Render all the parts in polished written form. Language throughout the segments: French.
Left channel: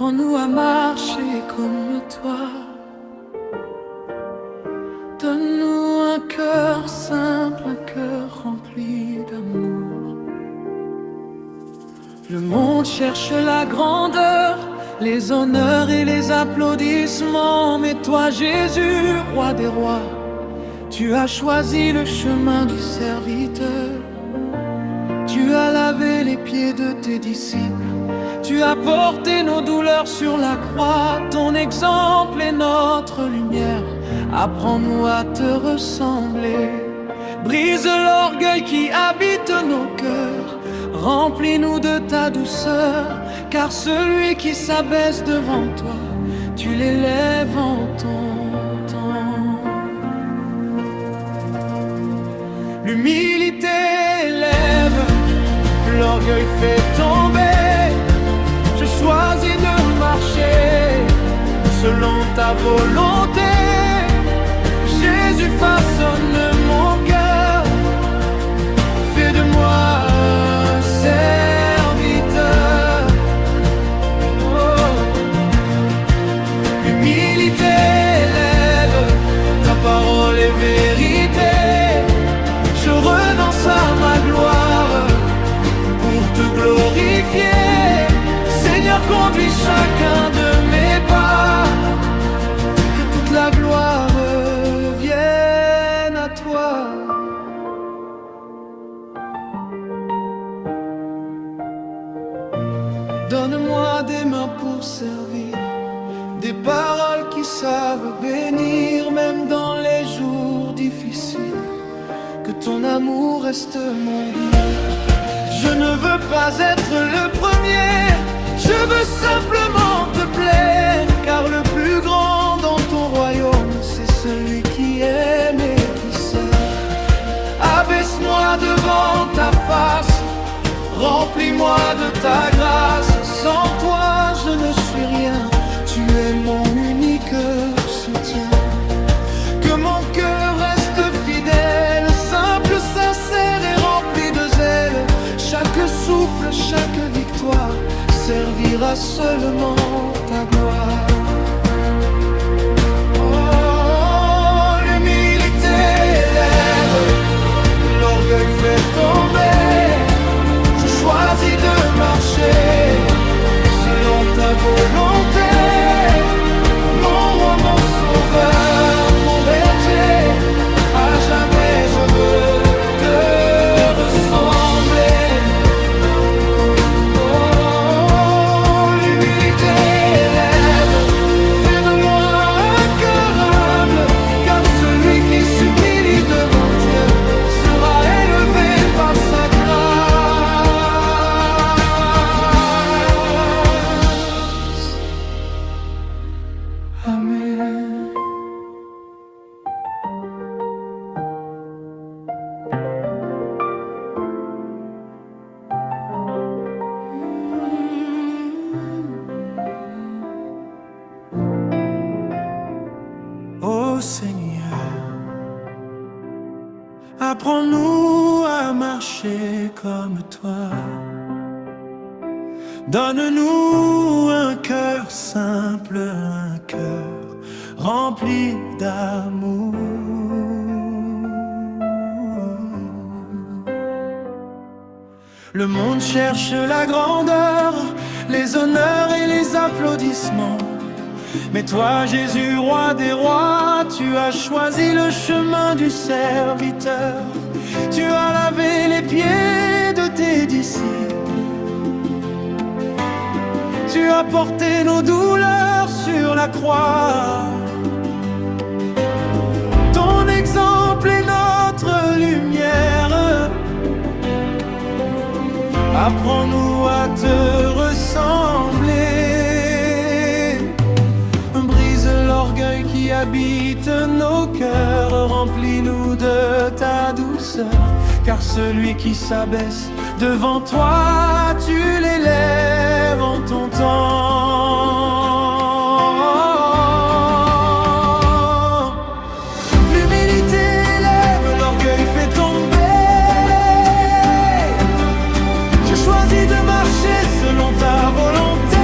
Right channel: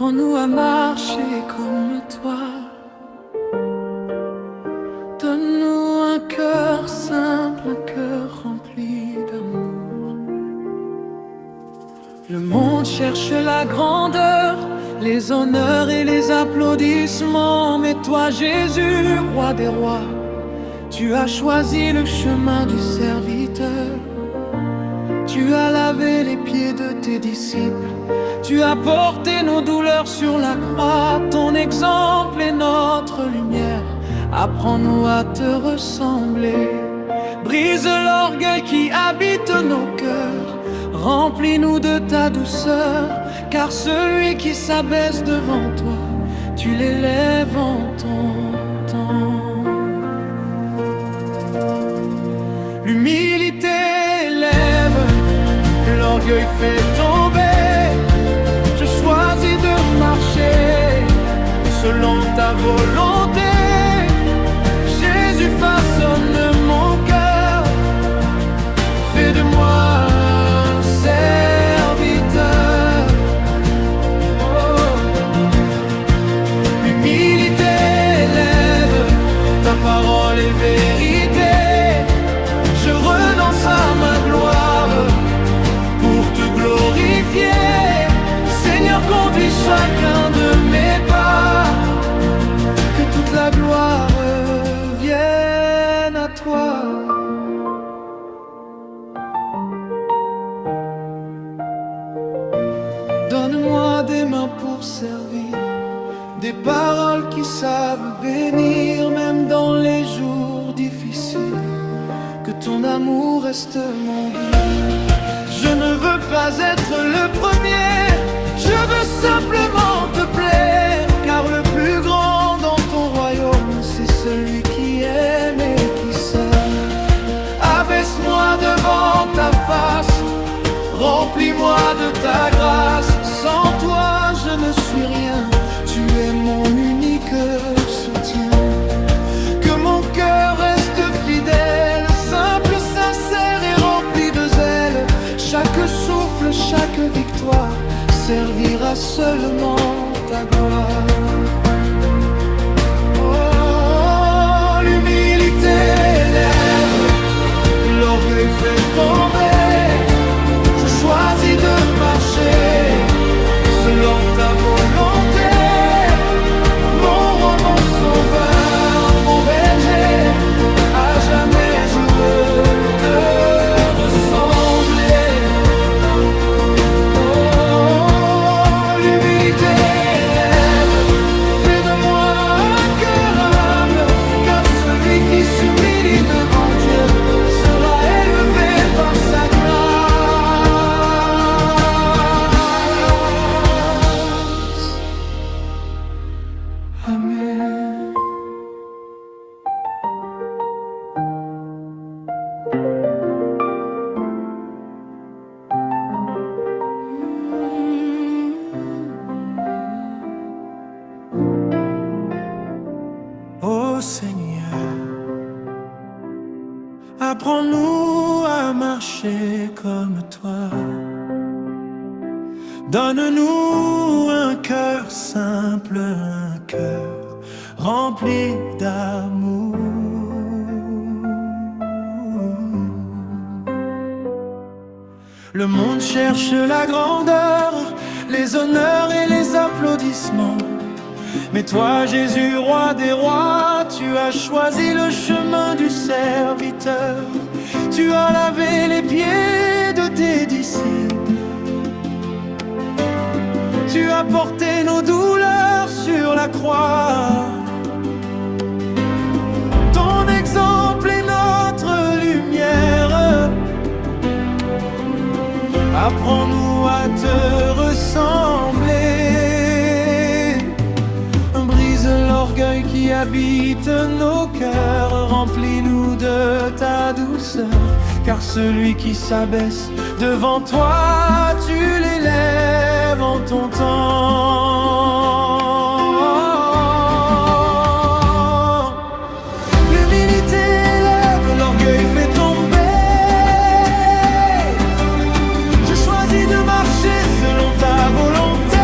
Apprends-nous à marcher comme toi. Donne-nous un cœur simple, un cœur rempli d'amour. Le monde cherche la grandeur, les honneurs et les applaudissements. Mais toi, Jésus, roi des rois, tu as choisi le chemin du serviteur. Tu as lavé les pieds de tes disciples. Tu as porté nos douleurs sur la croix. Ton exemple est notre lumière. Apprends-nous à te ressembler. Brise l'orgueil qui habite nos cœurs. Remplis-nous de ta douceur. Car celui qui s'abaisse devant toi, tu l'élèves en ton temps. L'humilité élève, l'orgueil fait tomber. Je choisis de marcher selon ta volonté. Jésus, façonne mon cœur. Fais de moi un serviteur. Oh. L'humilité élève, ta parole est vérité. Je renonce à ma gloire pour te glorifier. Seigneur, conduis chacun de mes pas. Que toute la gloire vienne à toi. Donne-moi des mains pour servir, des paroles qui savent bénir, même dans les jours difficiles. Que ton amour reste mon guide. Je ne veux pas être le premier, je veux simplement te plaire. Car le plus grand dans ton royaume, c'est celui qui aime et qui sert. Abaisse-moi devant ta face, remplis-moi de ta grâce. Sans toi je ne suis rien, tu es mon unique soutien. Que mon cœur reste fidèle, simple, sincère et rempli de zèle. Chaque souffle, chaque victoire servira seulement ta gloire. Oh, l'humilité élève, l'orgueil fait tomber. Je choisis de marcher selon ta volonté. Mon roi, mon sauveur, mon berger, à jamais je veux te ressembler. Oh, l'humilité élève, fais de moi un cœur humble. Car celui qui s'humilie devant Dieu sera élevé par sa grâce. Amen. Ô Seigneur, apprends-nous à marcher comme toi. Donne-nous un cœur simple, un cœur rempli d'amour. Le monde cherche la grandeur, les honneurs et les applaudissements. Mais toi, Jésus, roi des rois, tu as choisi le chemin du serviteur. Tu as lavé les pieds de tes disciples. Tu as porté nos douleurs sur la croix. Ton exemple est notre lumière. Apprends-nous à te ressembler. Brise l'orgueil qui habite nos cœurs. Remplis-nous de ta douceur. Car celui qui s'abaisse devant toi, tu l'élèves en ton temps. L'humilité élève, l'orgueil fait tomber. Je choisis de marcher selon ta volonté.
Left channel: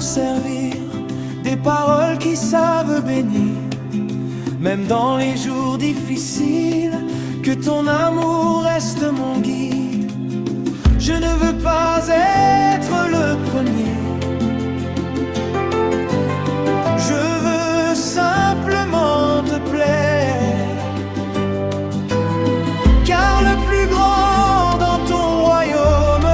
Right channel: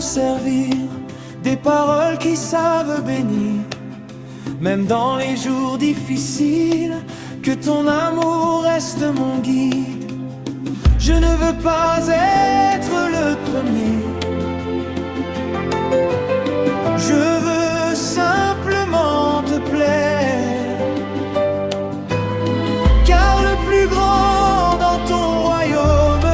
pour servir, des paroles qui savent bénir, même dans les jours difficiles, que ton amour reste mon guide. Je ne veux pas être le premier, je veux simplement te plaire, car le plus grand dans ton royaume,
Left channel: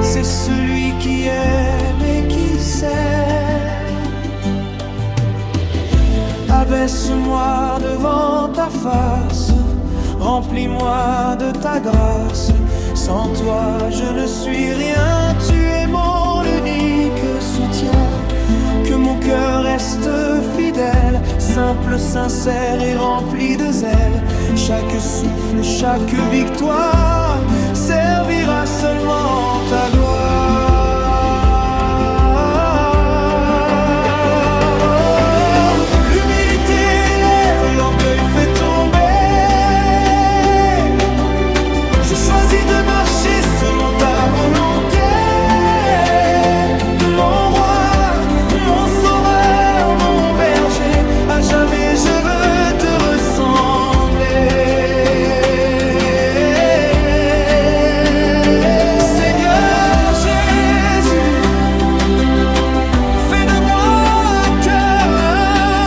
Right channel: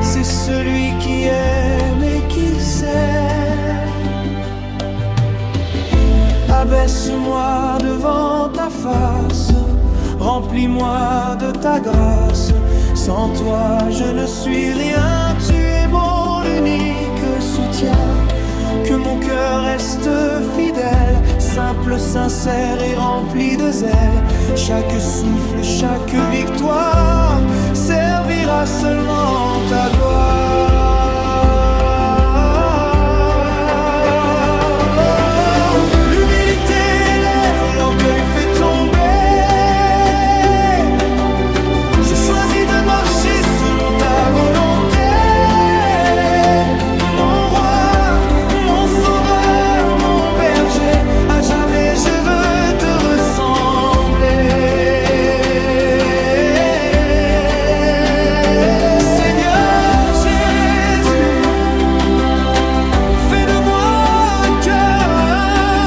c'est celui qui aime et qui sert. Abaisse-moi devant ta face, remplis-moi de ta grâce. Sans toi je ne suis rien, tu es mon unique soutien. Que mon cœur reste fidèle, simple, sincère et rempli de zèle. Chaque souffle, chaque victoire servira seulement ta gloire. L'humilité lève, l'orgueil fait tomber. Je choisis de marcher selon ta volonté. Jamais je veux te ressembler. Seigneur Jésus, fais de moi un cœur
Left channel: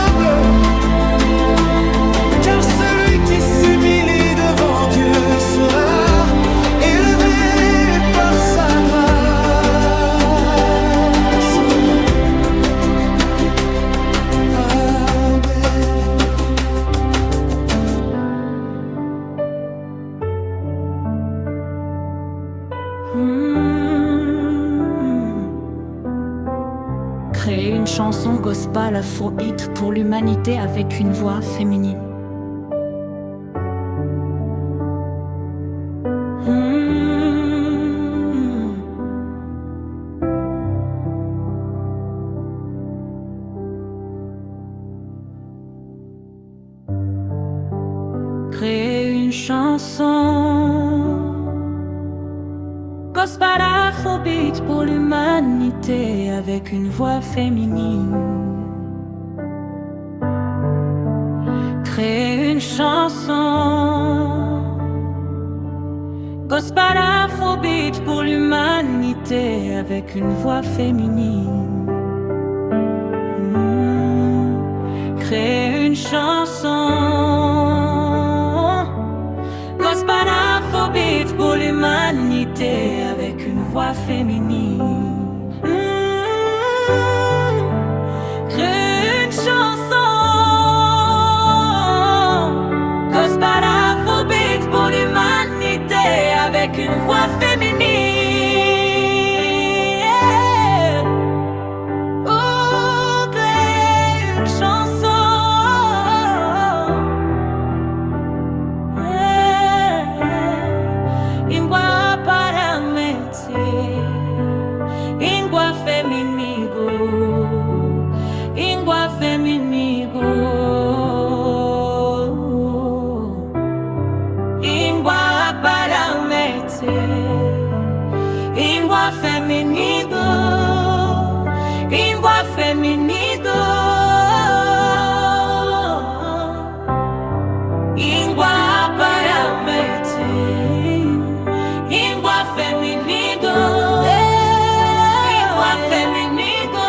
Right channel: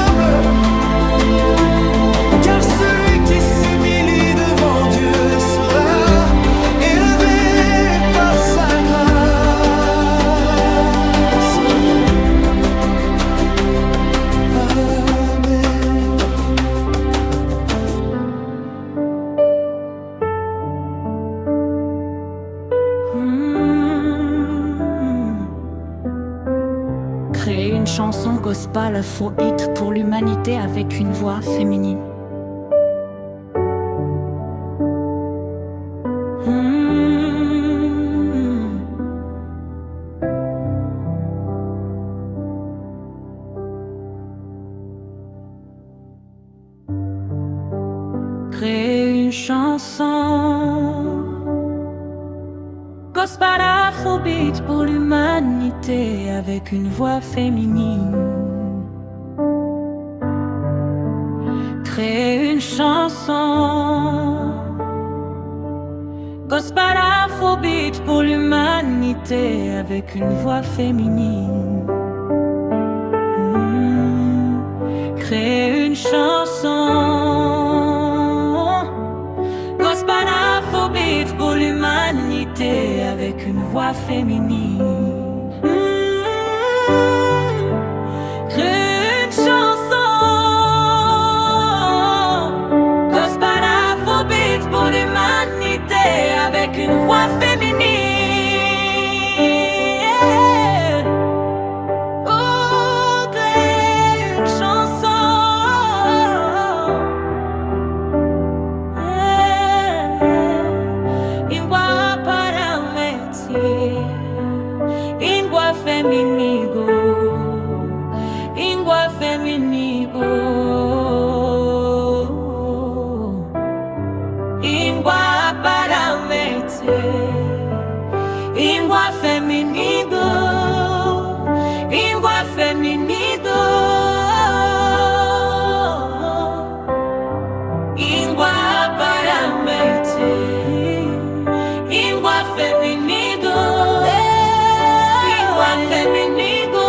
humble, car celui qui s'humilie devant Dieu sera élevé par sa grâce. Créer une chanson gospel afro-hit pour l'humanité avec une voix féminine. Créer une chanson gospel afrobeat pour l'humanité avec une voix féminine. Créer une chanson gospel afrobeat pour l'humanité avec une voix féminine. Créer une chanson gospel afrobeat pour l'humanité avec une voix féminine. Créer une chanson gospel afrobeat pour l'humanité avec une voix féminine. Oh, créer une chanson ingua para mete, ingua feminigo, ingua feminigo, ingua para mete, ingua feminigo, ingua feminigo, ingua para mete. Ingua feminido, ingua feminido,